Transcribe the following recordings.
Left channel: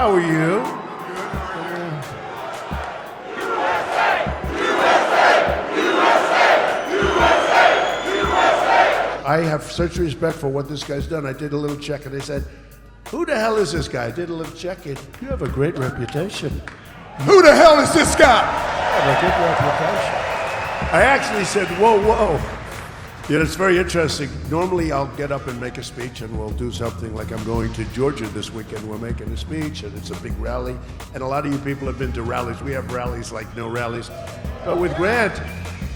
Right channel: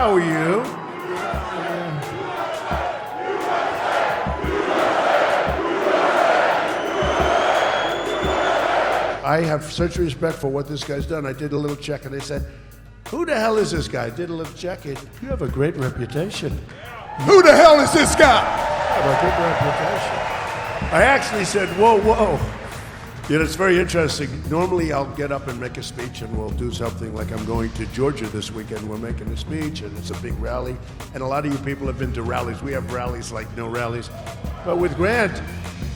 How are you? I have such respect for what this guy's done. I did a little check and they said, who the hell is this guy? I did a little check. You have a great reputation. Who the hell is this guy? You have a good reputation. I actually said, whoa. You know, it's very interesting. Normally I'll get up and make a speech and we'll do something like I'm going to Georgia this weekend. We're making a speech and it's a big rally. And a lot of you people have been to rallies. We have rallies like no rallies. But with Grant,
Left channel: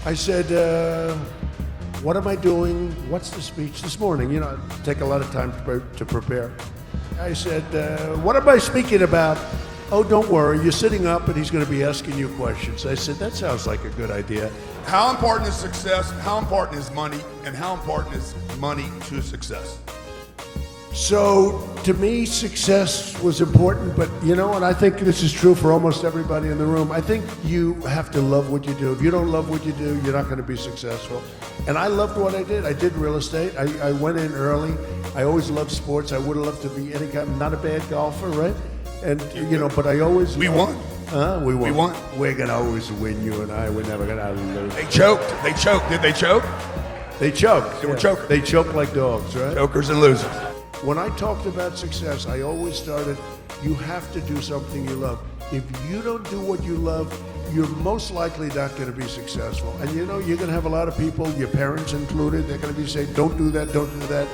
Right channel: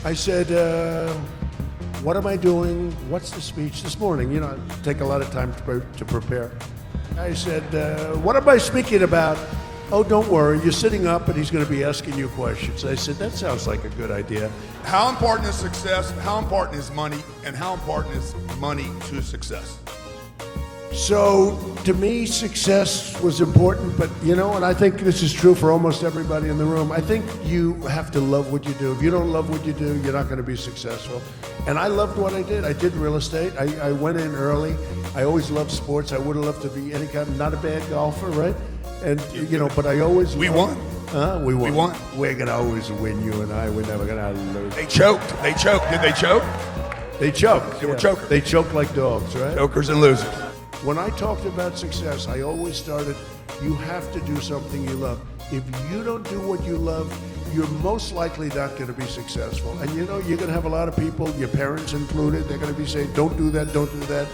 I said, what am I doing? What's the speech this morning? You know, take a lot of time to prepare. I said, what am I speaking about? Oh, don't worry, you're sitting up and he's going to be asking you questions. I said, that sounds like a good idea. How important is success? How important is money? And how important is money to success? So, to me, success was important, but you know, and I think this is true for almost everybody in the room. I think you have to love what you do. If you don't love what you do, you're not going to be successful. And I loved what I did. I did real estate. I went in early. I always loved sports. I would have loved to be any kind, not a bad golfer, right? And you know, but I always we won. We won. We're gonna always win, you and I. We're never gonna lose. They choked. They choked. Did they choke? They choked. They choked. They choke like dogs, right? Jokers and losers. When I talked about success, I always started, you have to do something you love. If you don't do what you love, you're most likely not going to be successful. And you know, you're going to have a lot of people, your parents included, they're going to be saying, don't do that, don't do that.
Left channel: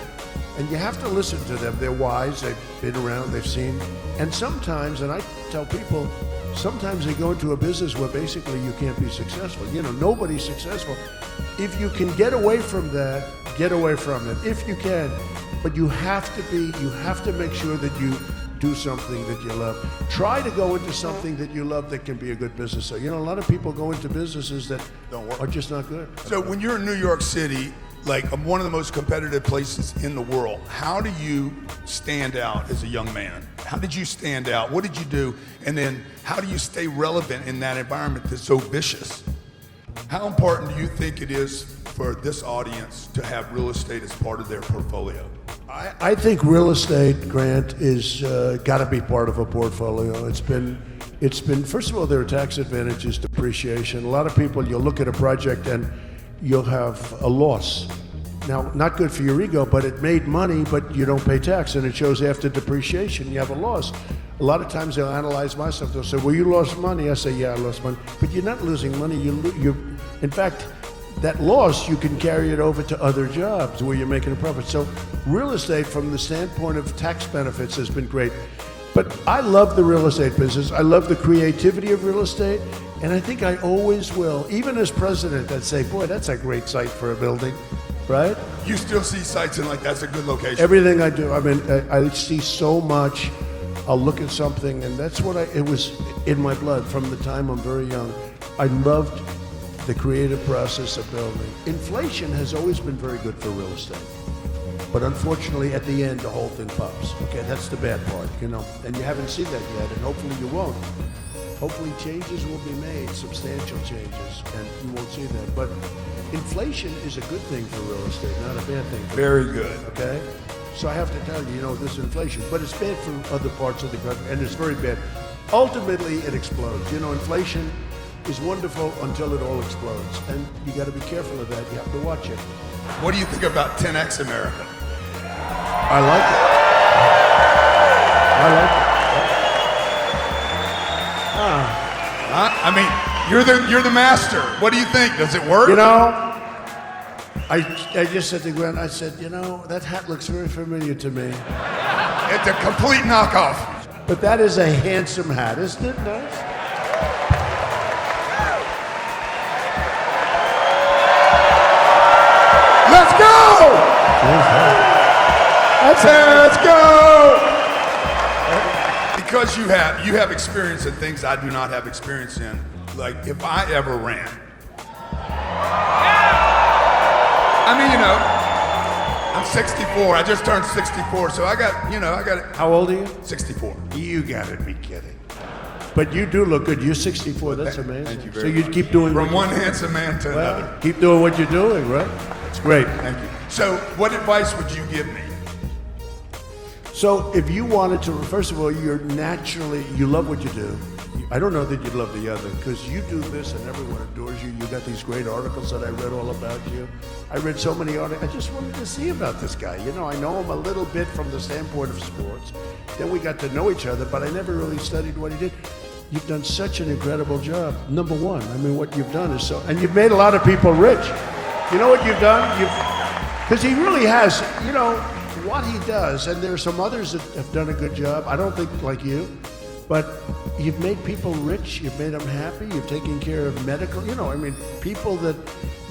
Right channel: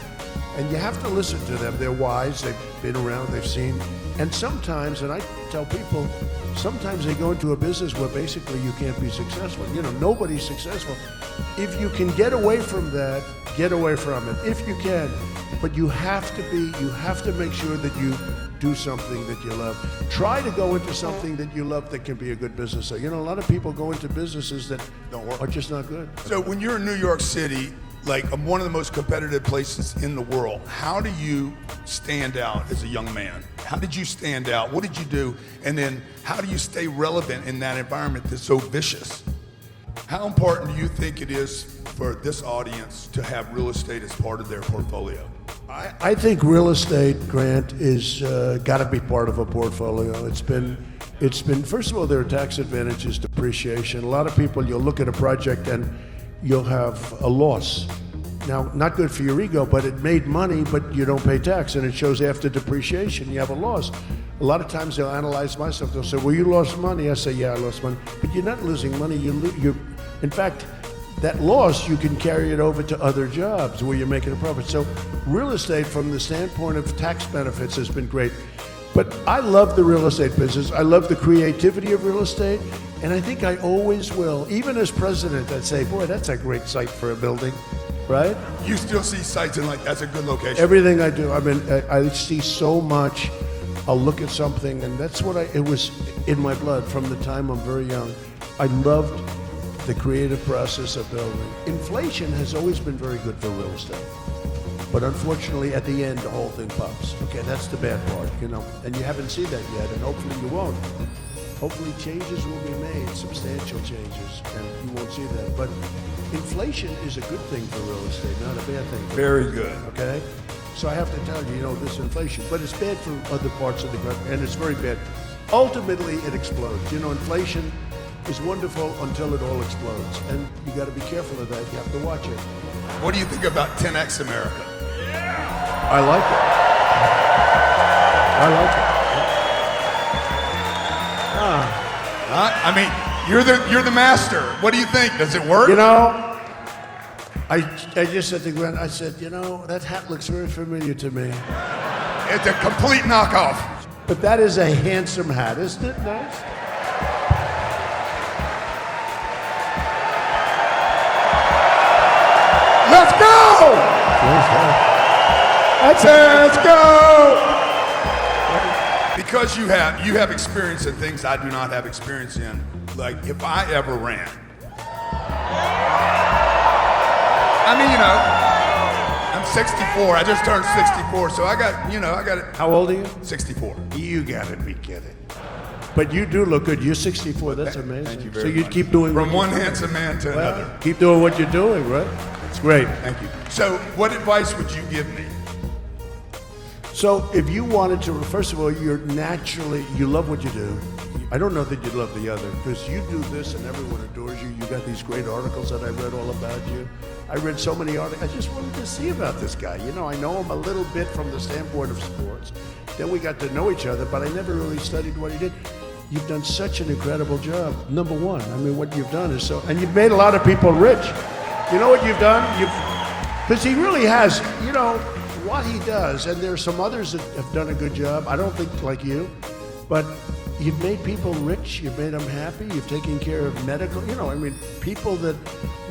And you have to listen to them. They're wise, they've been around, they've seen. And sometimes, and I tell people, sometimes they go into a business where basically you can't be successful. You know, nobody's successful. If you can get away from that, get away from it, if you can. But you have to make sure that you do something that you love. Try to go into something that you love that can be a good business. So, you know, a lot of people go into businesses that are just not good. So when you're in New York City, like one of the most competitive places in the world, how do you stand out as a young man? How did you stand out? What did you do? And then how do you stay relevant in that environment that's so vicious? How important do you think it is for this audience to have real estate as part of their portfolio? I think real estate, Grant, is got to be part of a portfolio. It's been. First of all, there are tax advantages, depreciation. A lot of people, you'll look at a project and you'll have a loss. Now, not good for your ego, but it made money, but you don't pay tax, and it shows after depreciation you have a loss. A lot of times they'll analyze my stuff. They'll say, "Well, you lost money." I say, "Yeah, I lost money," but you're not losing money. In fact, that loss, you can carry it over to other jobs where you're making a profit. So real estate from the standpoint of tax benefits has been great. But I love the real estate business. I love the creativity of real estate. And I think I always will. Even as president, I'd say, boy, that's a great site for a building, right? You still see sites and like, that's a good location. Everything I do, I mean, I see so much. I'll look at something and that's what it was in my blood from the time I'm very young. I loved the creative process of building. Inflation has always been very good for real estate. But unfortunately, at the end, the whole thing pops. Okay, that's the bad part, you know. And you haven't seen that yet, and hopefully you won't. Hopefully changes will be made, substantial changes, and you won't see them. But inflation is a good thing for real estate, not a bad thing. Very good. Okay? So I have to tell you, you know, there's inflation, but it's bad for other parts of the country, and it's very bad. Ultimately, it explodes. You know, inflation is wonderful until it all explodes. And you got to be careful of that. You have to watch it. What do you think about 10X America? I like it. I mean, you're the master. What do you think? Does it work? You know, I just said to Gwen, I said, you know, that hat looks very familiar to me. It's a complete knockoff. But that is a handsome hat, isn't it? Let's go! Let's go! Because you have experience in things I do not have experience in. Like if I ever ran. I mean, you know, I'm 64. I just turned 64, so I got it. How old are you? 64. You gotta be kidding. But you do look good. You're 64. That's amazing. Thank you so very you much. keep doing from one handsome man to another. Keep doing what you're doing, right? It's great. Thank you. So, what advice would you give me? So if you wanted to, first of all, you love what you do. I don't know that you'd love the other, because you do this and everyone adores you. You got these great articles that I read all about you. I read so many articles. I just wanted to see about this guy. You know, I know him a little bit from the standpoint of sports. Then we got to know each other, but I never really studied what he did. You've done such an incredible job. Number one, I mean, what you've done is so, and you've made a lot of people rich. You know what you've done? Because he really has, you know, what he does, and there are some others that have done a good job. I don't think like you, but you've made people rich, you've made them happy, you've taken care of medical, you know, I mean, people that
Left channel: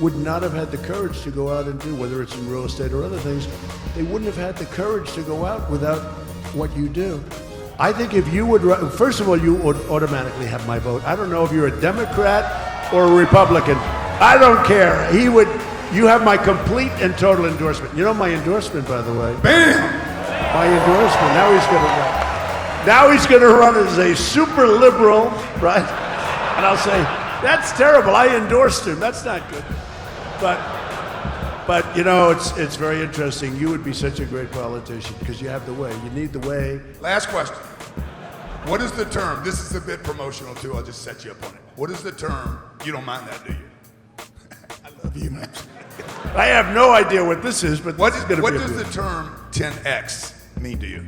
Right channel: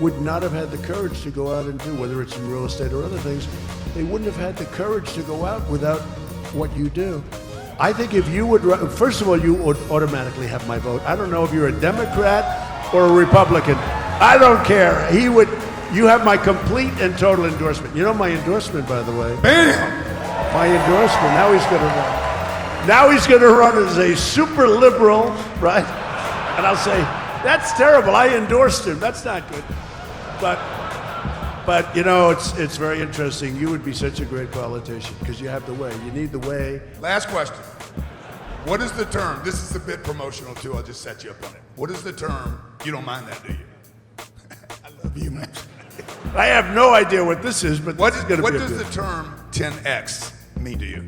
would not have had the courage to go out and do, whether it's in real estate or other things, they wouldn't have had the courage to go out without what you do. I think if you would, first of all, you would automatically have my vote. I don't know if you're a Democrat or a Republican. I don't care. You have my complete and total endorsement. You know my endorsement, by the way. Bam! My endorsement. Now he's going to run as a super liberal, right? And I'll say, that's terrible. I endorsed him. That's not good. But you know, it's very interesting. You would be such a great politician because you have the way. You need the way. Last question. What is the term? This is a bit promotional too. I'll just set you up on it. What is the term? You don't mind that, do you? I love you. I have no idea what this is, but What does the term 10X mean to you?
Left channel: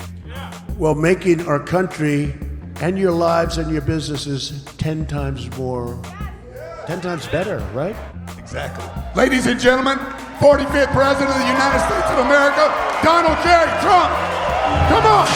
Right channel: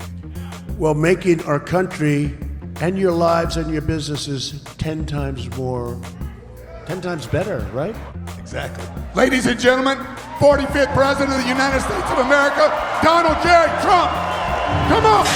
Well, making our country and your lives and your businesses 10 times better, right? Exactly. Ladies and gentlemen, 45th President of the United States of America, Donald J. Trump. Come on.